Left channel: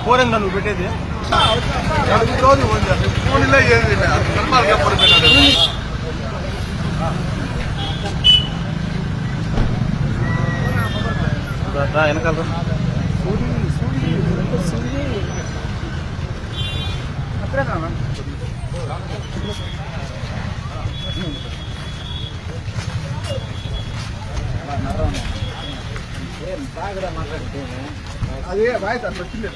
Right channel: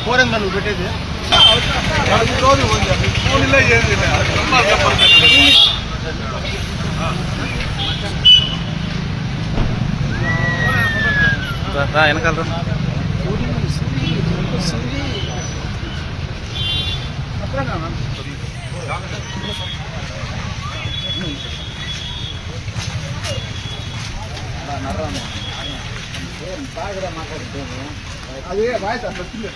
Phone ఏందా నువ్వు పెట్టేది రోజు ఫోన్ ఇలా ఏది వెనకాల బాగా మాట్లాడితేనే అదే వాయిస్ అట్లా వచ్చింది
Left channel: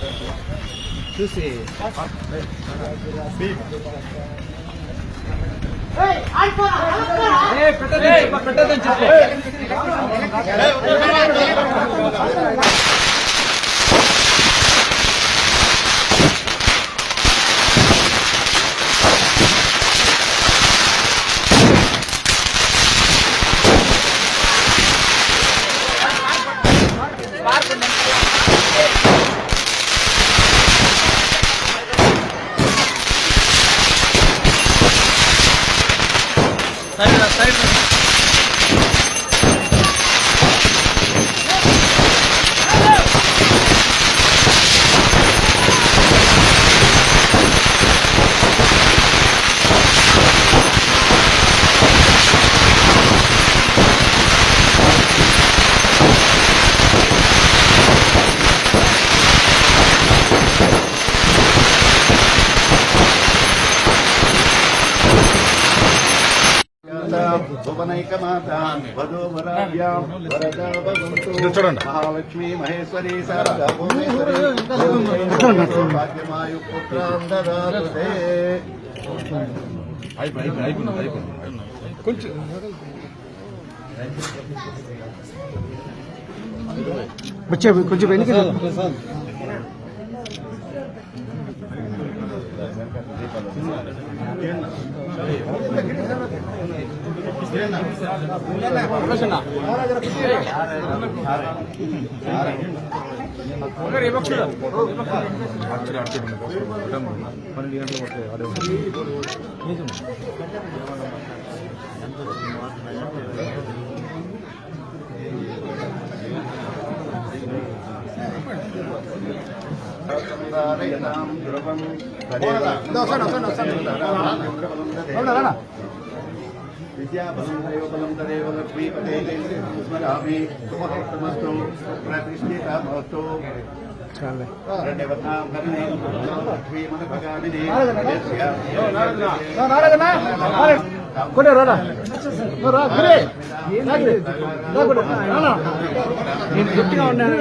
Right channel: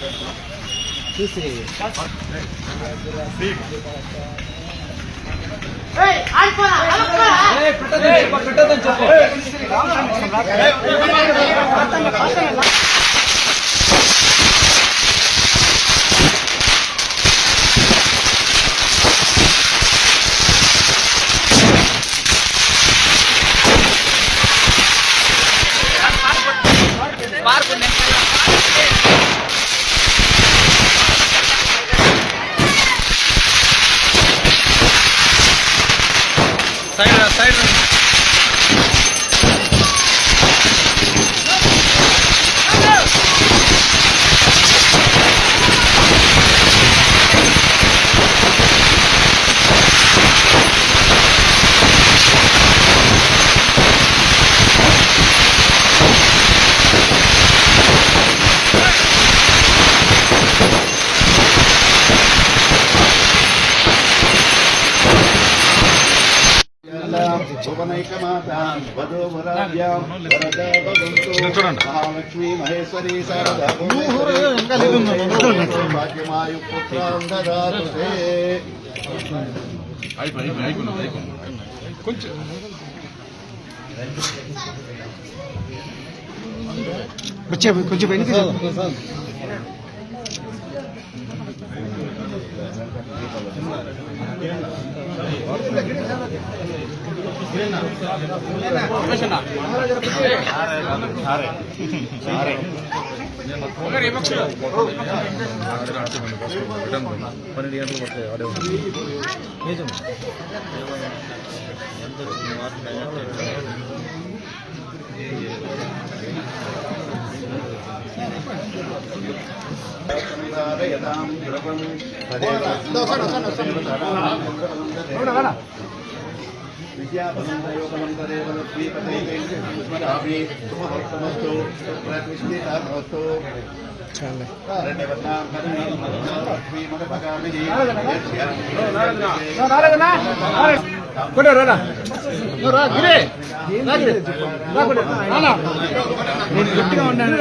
చూసి పెట్టదని చెప్పు సైడ్ భువనైకమాతాం వధూవరాభ్యాం వరదా భవంతు మహాలక్ష్మీ మహేశ్వరీ శారదా భువనేశ్వరీ భాగ్యమాయు పుత్రాం దదాతు తే. కొంచెం వెనుక పన్నెండు గంటలు పడతాయి ఆడే ఉంటుంది. విద్యాబలం దైవబలం తదేవ లక్ష్మీపతే శుభమస్తు ప్రతిష్ఠితామస్తు. కొడే రాడా గురే నేను గట్టిగా ఉన్నాను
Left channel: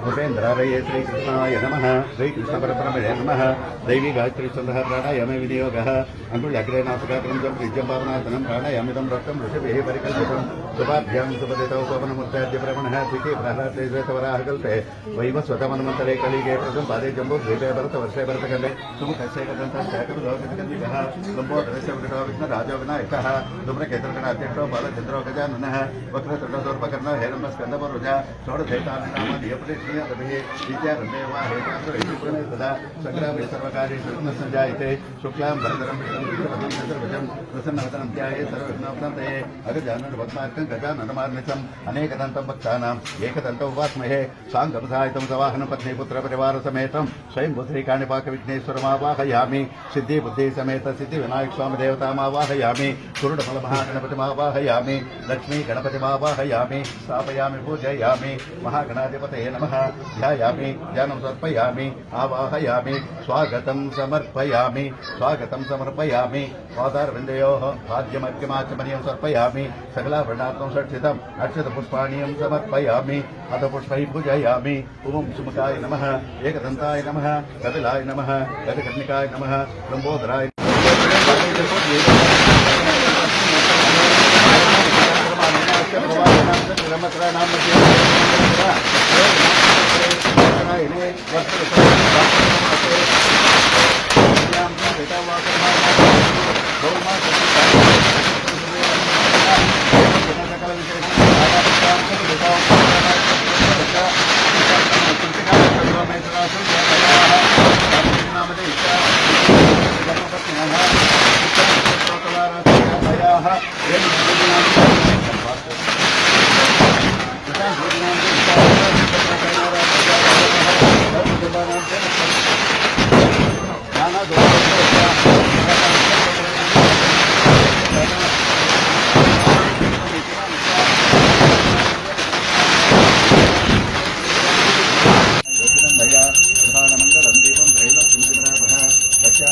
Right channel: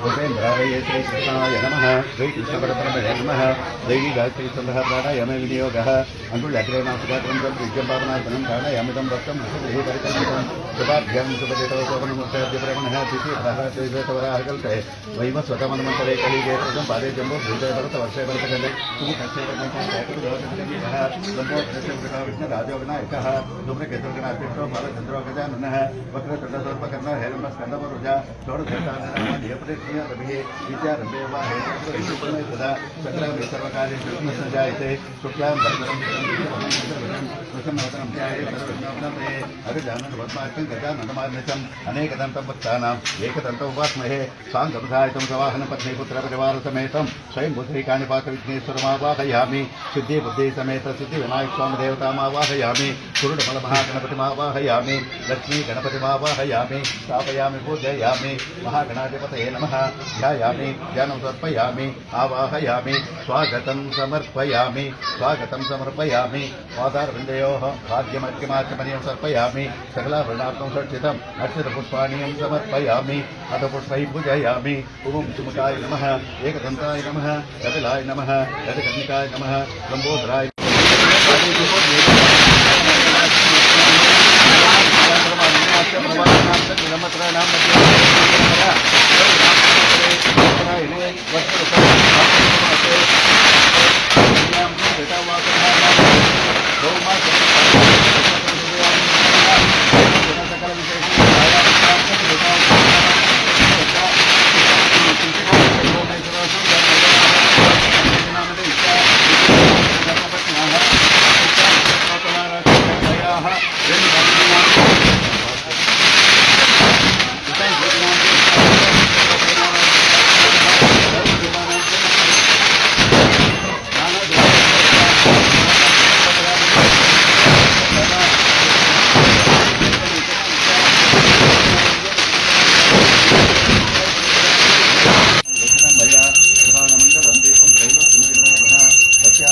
భూపేంద్రాయ శ్రీకృష్ణాయ నమః శ్రీకృష్ణపరబ్రహ్మణే నమః దైవీ గాయత్రీ సందః ప్రాణాయామే వినియోగः అంగుళ్యగ్రే నాసికాగ్రం విద్యం భావనార్థనం ప్రాణాయామిదం రక్తం ఋషిభిः పరికల్పితం శుభాభ్యాం శుభదితौ శోభనముత్యాద్య ప్రవణः తిథి ప్రహ్లాదేశ్వరాహకల్పే వైవస్వతమన్మంతరే కలిగే ప్రథం పాదే జంబో శ్రీజయ భరత వర్షే భరతఖండే రాజో వినాయకः ధూమ్రకేతుర్గణాధ్యక్షో బాలచంద్రో గజాననः వక్రతుండోర్పకర్ణ హేరంబస్కందమరుజ షోడశేతాన్యనామధ్యపరిష్ణిభిः విద్యారంభేవా హేతుర్వై సదా సకలే సర్వకార్యేషు సంజాయతే శుక్లాం భరతరం ప్రసన్నవదనం ధ్యాయే సర్వవిఘ్నోపశాంతయే అభిజానన పద్మార్కం గజాననమార్నిశం అనేకదంతం భక్తానాం ఏకదంతం ఉపాస్మహే సాంగమధాయితం సవాహనం పత్నీపుత్రపరివార సమేతం స్వయం బుద్ధికాణిపాక విఘ్నేశ్వరమావాహయామి సిద్ధి బుద్ధి సమేత సిద్ధి వినాయక స్వామి దేవతామావాహయామి కురుడమల మహాగణపతిమావాహయామి లక్ష్మీ గణపతిమావాహయామి స్థాపయామి పూజయామి మహాగణాధిపతయే నమః ధ్యాయామి ధ్యానం సమర్పయామి ఆవాహయామి స్వాగతం సమర్పయామి పాదారవిందయోః భాగ్యమర్ఘ్యమాచమనీయం సమర్పయామి సకలాభరణార్థం షట్సితం అక్షతపుష్పాణీయం సమర్పయామి అథ పుష్పై పూజయామి ఓం సుముఖాయ నమః ఏకదంతాయ నమః కపిలాయ నమః గజకర్ణికాయ నమః లంబోదరాయ మంగళ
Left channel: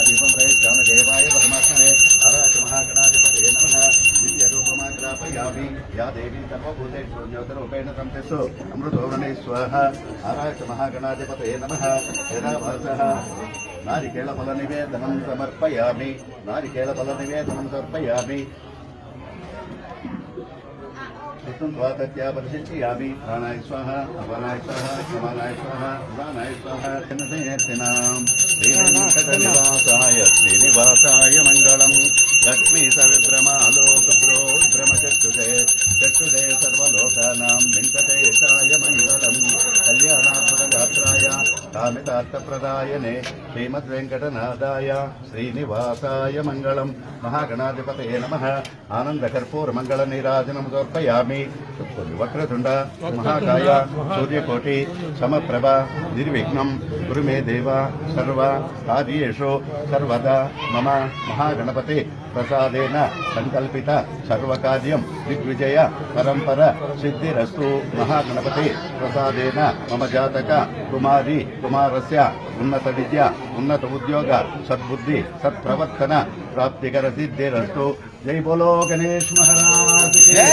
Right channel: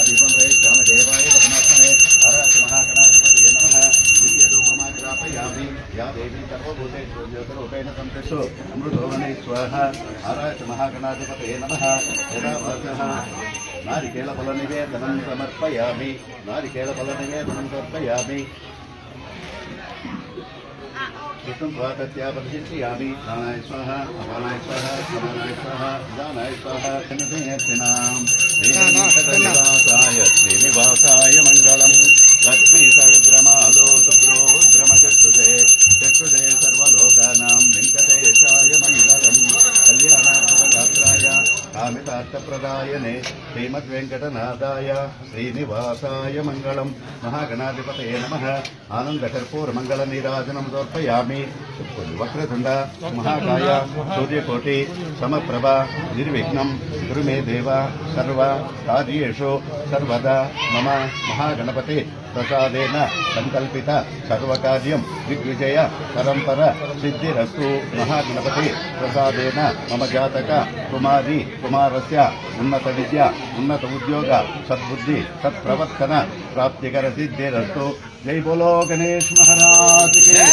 దీపం ప్రయత్న దేవాయ పరమాత్మనే ఆరాచ మహాగణాధిపతే నమః దివ్యరూపమాగ్రాపయామి యా దేవీ సర్వభూతేషు జ్యోతిరూపేణ సంతిష్టో అమృతోరణే స్వాహ ఆరాచ మహాగణాధిపతే నమః యదా వాసః నారికేళఫలనివేదనం సమర్పయామి నారికేళఫలనివేదనం సమర్పయామి कृष्णं स्वागत्या प्रतिष्ठयामि प्राणाय स्वाहा अपानाय स्वाहा समानाय स्वाहा उदानाय स्वाहा चन्द्रसेनेत्रिणां श्रीनिवासाय मङ्गलम् लक्ष्मी सर्वभ्रमालो शुभ्रो भ्रमचक्षुषे चक्षुषे सर्वलोकानां वेङ्कटेशाय मङ्गलम् कल्याणार्थगात्राय कामितार्थप्रदायने श्रीमद्वेङ्कटनाथाय श्रीनिवासाय मङ्गलम् महागणाधिपतये नमः आनन्दकर्पूरमङ्गलनीराजनं समर्पयामि वक्रतुण्ड महाकाय सूर्यकोटि समप्रभा निर्विघ्नं कुरु मे देव सर्व कार्येषु सर्वदा मम महागणपति प्रसादेन संकल्पित सर्वकार्यं दिग्विजय परंपर सिद्धिरस्तु महागणपति प्रसादेन मम जातक कुमारी कुमारस्य उन्नत विद्या उन्नत उद्योग सद्बुद्धि सत्प्रवर्तन प्राप्तिकर सिद्धिरस्तु जय बोलो गणेश महाराज की जय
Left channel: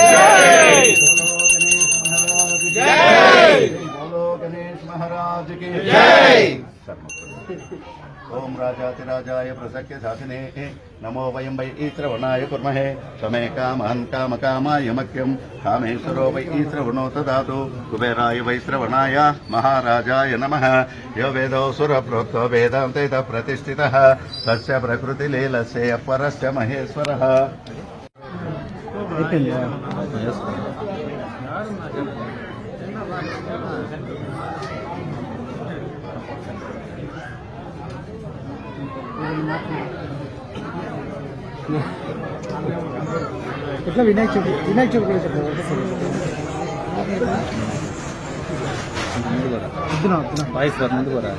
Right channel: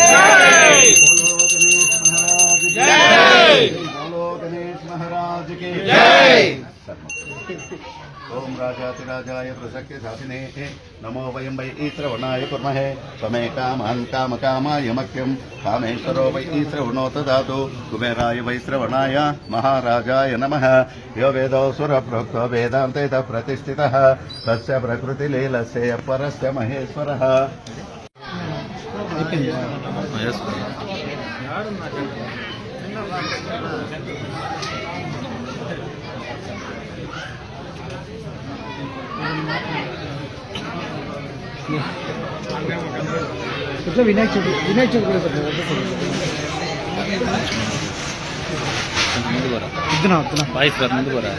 बोलो गणेश महाराज की जय बोलो गणेश महाराज की जय ओम राजातिराजाय प्रसक्य साधिने नमो वयं वै ईश्रवणाय कुर्महे त्वमे कामान् कामकामाय मह्यं कामेश्वरो वै ईश्रवणोतु दातु कुबेराय वै श्रवणाय महाराजाय नमः यो वेदो सुरप्रोक्तो वेदान्तेतः प्रतिष्ठितः तस्य प्रकृतिलीलस्य परस्य महेश्वरः ఇట్లా వినాయక చవితి కూడా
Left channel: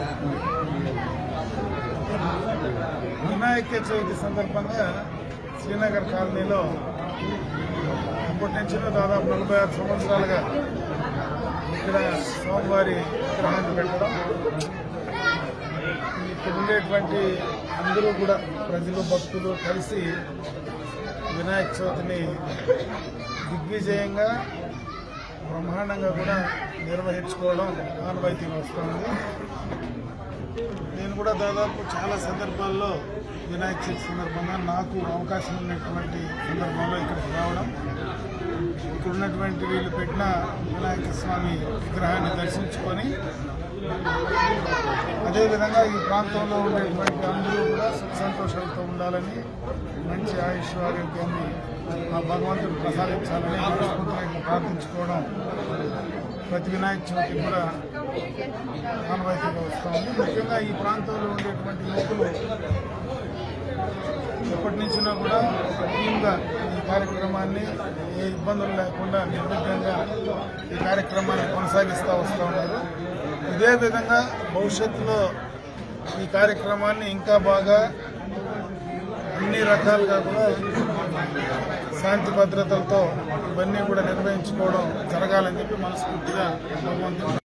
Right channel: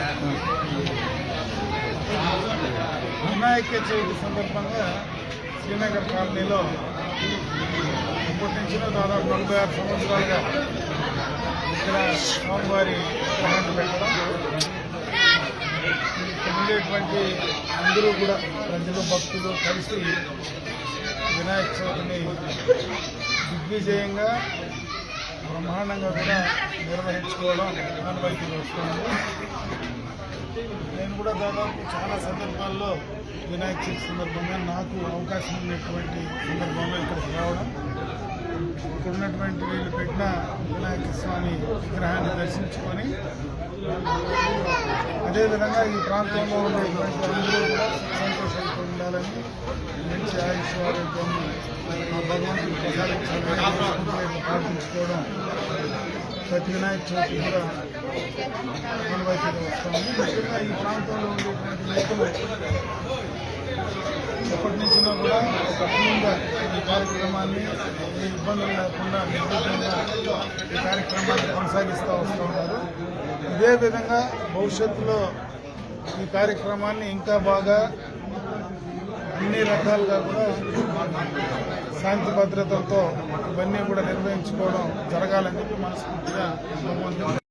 వినాయక చవితి సందర్భంగా శ్రీనగర్ కాలనీలో అప్పటి నుంచి దాదాపు 46 సంవత్సరాలుగా ఇక్కడ స్వామివారి విగ్రహాన్ని పెట్టడం, ఇక్కడ ఉండేటువంటి అందరూ కూడా ప్రజలు భక్తులు కలిసి వినాయక చవితిని దిగ్విజయంగా బ్రహ్మాండంగా కూడా నిర్వహించుకోవడం ఆనవాయితీగా వస్తుంది. నేను కూడా దాదాపు చాలా సందర్భాల్లో వినాయక చవితి సందర్భంగా నాకు అవకాశం ఉన్నటువంటి సందర్భంలో ఇక్కడికి రావడం, ఇక్కడ ఉన్నటువంటి వీళ్ళు పెట్టిన వినాయక స్వామి విగ్రహాన్ని దర్శించుకొని అదేవిధంగా ఈ ప్రాంతంలో ఉండేటువంటి అందరూ కూడా సంతోషంతో ఉండాలని, మంచి ఆయుష్ ఆరోగ్యాన్ని ఆ భగవంతుడు ప్రసాదించాలని ప్రార్థించుకోవడం ప్రతి వినాయక చవితి కూడా ఆనవాయితీగా వస్తుంది. ముఖ్యంగా ఈ ప్రాంతంలో ఉండేటువంటి యువకులు ఎప్పటి నుంచినా కూడా ఒక టీమ్గా ఈ కార్యక్రమాన్ని ఏ ఇబ్బందులు లేకుండా నిర్విఘ్నంగా ఈ కార్యక్రమాన్ని కొనసాగిస్తూ వస్తూ ఉన్నారు. ఇదే విధంగా భవిష్యత్తులో ఈ కార్యక్రమాన్ని ఇంకా బాగా అన్ని రకాలుగా కూడా శాంతి భద్రతలతో ఇవన్నీ కూడా నిర్వహించుకోవడం జరగాలని చెప్పి మనస్ఫూర్తిగా భగవంతుడు